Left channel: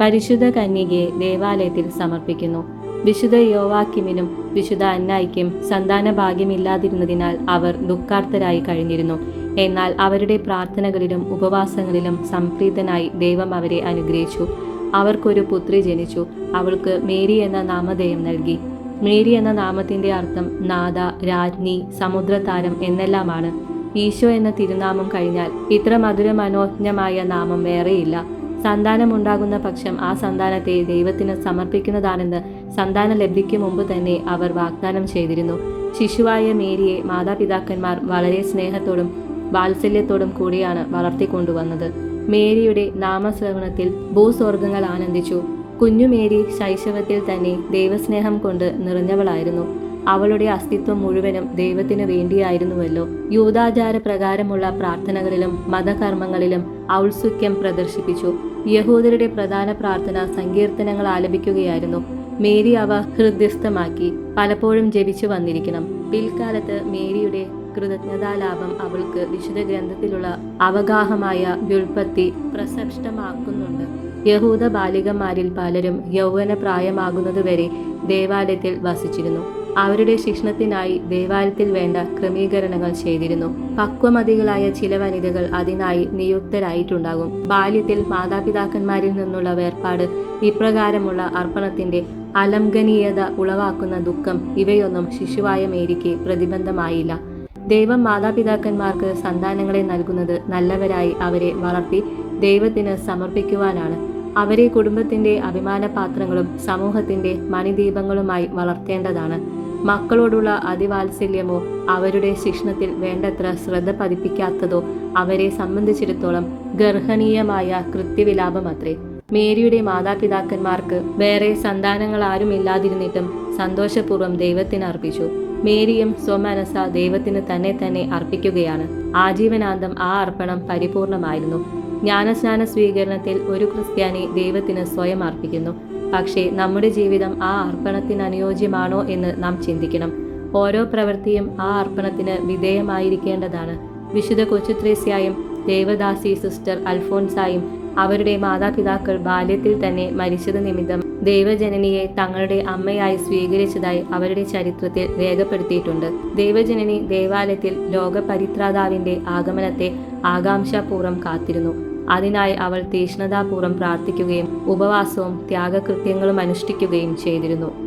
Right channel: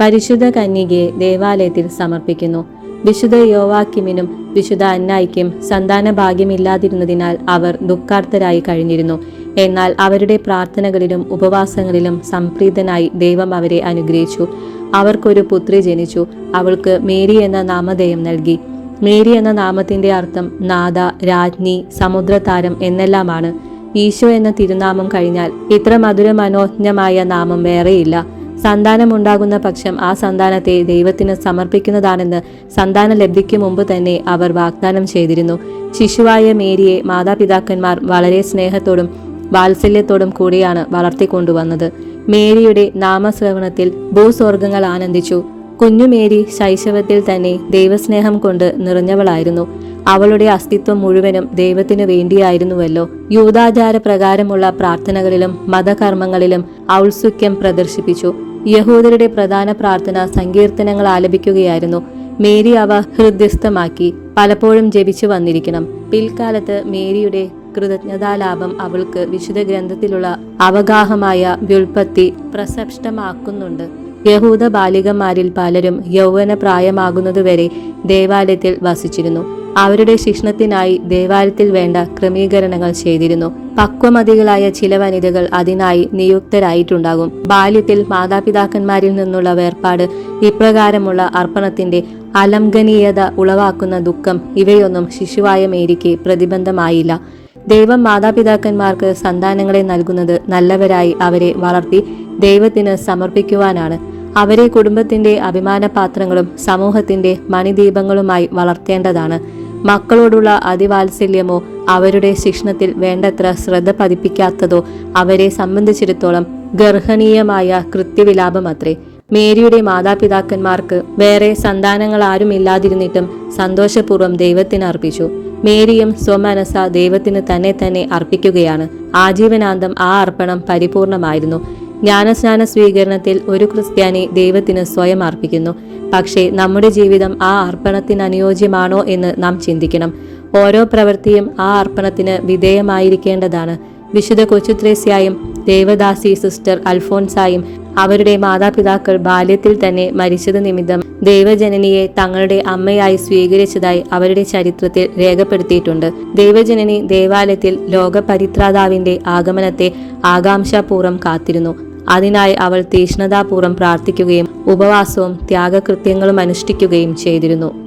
പരിശുദ്ധ കന്യകയെ ദേവാലയത്തിൽ സമർപ്പിക്കുന്നു. വിശുദ്ധ യോവാക്കിമിനും വിശുദ്ധ അന്നായിക്കും സന്താന ഭാഗ്യമില്ലാതിരുന്നതിനാൽ അവർ ദുഃഖാർത്തരായി കഴിഞ്ഞിരുന്നു. എന്നാൽ അവരുടെ പ്രാർത്ഥനകളിലും ഉപവാസങ്ങളിലും സംപ്രീതനായി ദൈവം അവരെ അനുഗ്രഹിച്ചു. അവർക്കൊരു പുത്രി ജനിച്ചു. അവൾക്ക് മേരി എന്ന നാമധേയം നൽകി. മേരി എന്ന നാമത്തിന്റെ അർത്ഥം നാഥ, രാജ്ഞി, സമുദ്രതാരം എന്നെല്ലാമാണ്. ഈശോ എന്ന തിരുനാമം കഴിഞ്ഞാൽ ഇത്ര മധുര മനോജ്ഞമായ നാമം വേറെയില്ല. സന്താനമുണ്ടാകുന്ന പക്ഷം ആ സന്താനത്തെ ദൈവത്തിന് സമർപ്പിക്കുന്നതാണെന്ന് സന്താന ലബ്ധിക്ക് മുമ്പ് തന്നെ അവർ വാഗ്ദാനം ചെയ്തിരുന്നു. ശിശുവായ മേരിയെ മാതാപിതാക്കന്മാർ വളരെ സ്നേഹത്തോടും വാത്സല്യത്തോടും കൂടിയാണ് വളർത്തിക്കൊണ്ടുവന്നത്. മേരിയുടെ നാമശ്രവണത്തിൽ ഭൂസ്വർഗങ്ങൾ ആനന്ദിച്ചു. കുഞ്ഞു മേരി ശൈശവത്തിൽ തന്നെ ദൈവസ്നേഹം കൊണ്ട് നിറഞ്ഞവളായിരുന്നു. അവളുടെ അസ്തിത്വം മുഴുവനും ദൈവത്തിനു വേണ്ടിയായിരുന്നുവല്ലോ. യൂദാചാര പ്രകാരമുള്ള പ്രാർത്ഥനകളിലും മതകർമ്മങ്ങളിലും ഔത്സുക്യം പ്രദർശിപ്പിച്ചു. യഹൂദരുടെ പ്രധാന പ്രാർത്ഥന സങ്കീർത്തനങ്ങൾ ആലപിക്കുകയായിരുന്നു. മേരി അവ ഹൃദ്യസ്ഥമാക്കി പലപ്പോഴും ജപിച്ചു വന്നിരിക്കണം. പിൽക്കാലത്ത് മേരിയുടെ കൃതജ്ഞതാലാഭം അവൾക്ക് വിശുദ്ധ ഗ്രന്ഥത്തിലുള്ള അവഗാഹമായ വ്യുൽപ്പത്തി പ്രസക്തമാക്കുന്നുണ്ട്. യഹൂദ ബാലികന്മാരിൽ പലരും യൗവന പ്രായമാകുന്നതുവരെ ദേവാലയത്തിൽ വസിച്ചിരുന്നു. അവരുടെ ശിക്ഷണത്തിനായി ദേവാലയത്തിൽ വേണ്ട ക്രമീകരണങ്ങൾ ചെയ്തിരുന്നു. പക്വമതികളായ ചില വനിതകൾ അതിനായി നിയുക്തരായിട്ടുണ്ടാകും. ബാല്യത്തിൽ മാതാപിതാക്കന്മാരിൽ നിന്നുള്ള വേർപാട്, ഇപ്രകാരമുള്ള അർപ്പണത്തിന്റെ അലംഘനീയത ഉളവാക്കുന്ന ദുഃഖം ഇവയൊന്നും ശിശുവായ മേരിക്ക് പ്രതിബന്ധമായില്ല. ദൈവം മാതാപിതാക്കന്മാർക്ക് സന്താനങ്ങളെ നൽകുന്നത് നല്ലവരായി അവരെ വളർത്തി ദൈവത്തിന് സമർപ്പിക്കുവാനാണ്. അവരെ കുടുംബത്തിന്റെ അഭിമാനപാത്രങ്ങളും സമൂഹത്തിന്റെ മണിദീപങ്ങളുമായി വളർത്തേണ്ടതാണ്. മക്കളോടുള്ള അതിവാത്സല്യമോ അവരുടെ ശിക്ഷണത്തിൽ വേണ്ടത്ര ശ്രദ്ധ പതിപ്പിക്കാത്തതോ അവരെ സംബന്ധിച്ചിടത്തോളം ഗർഹനീയമായ കൃത്യവിലാപമത്രേ. മേരിയുടെ മാതാപിതാക്കന്മാർക്ക് വേറെ സന്താനങ്ങൾ ആരുമില്ലാതിരുന്നിട്ടും സന്തോഷപൂർവ്വം ദൈവത്തിന് അർപ്പിച്ചു. മേരിയും സ്വമനസ ദൈവത്തിന് തന്നെ അർപ്പിക്കുകയാണ്. ആജീവനാന്തം ആ അർപ്പണം പരിപൂർണമായിരുന്നു. ജ്ഞാനസ്നാന സ്വീകരണത്തിൽ ഒരു ക്രിസ്ത്യാനി ദൈവത്തിന് സ്വയം അർപ്പിക്കുന്നു. പക്ഷേ നമ്മുടെ ജീവിതം ആ അർപ്പണത്തിന് അനുയോജ്യമാണോ എന്ന് നാം ചിന്തിക്കണം. ഓരോ പ്രവൃത്തിയും ആ അർപ്പണത്തിന് വിധേയമായിരിക്കേണ്ടതാണ്. വിശുദ്ധ കൊച്ചുത്രേസ്യായും ദേവദാസി സിസ്റ്റർ അൽഫോൻസായും അവരുടെ മാതാപിതാക്കൾ ബാല്യത്തിൽ തന്നെ മരിച്ചത് നിമിത്തം ദൈവജനനിയെ തങ്ങളുടെ അമ്മയായി സ്വീകരിച്ചതായി അവരുടെ ചരിത്രത്തിൽ രേഖപ്പെടുത്തിയിട്ടുണ്ട്. ദൈവജനനി ദേവാലയത്തിൽ ലോകപരിത്രാതാവിന്റെ ആഗമനത്തെ ആകാംക്ഷാപൂർവ്വം കാത്തിരുന്നു. അതിനായി അവൾ തീഷ്ണതാപൂർവ്വം പ്രാർത്ഥിക്കുകയും ഉപവാസവും ത്യാഗകൃത്യങ്ങളും അനുഷ്ഠിക്കുകയും ചെയ്തിരുന്നു.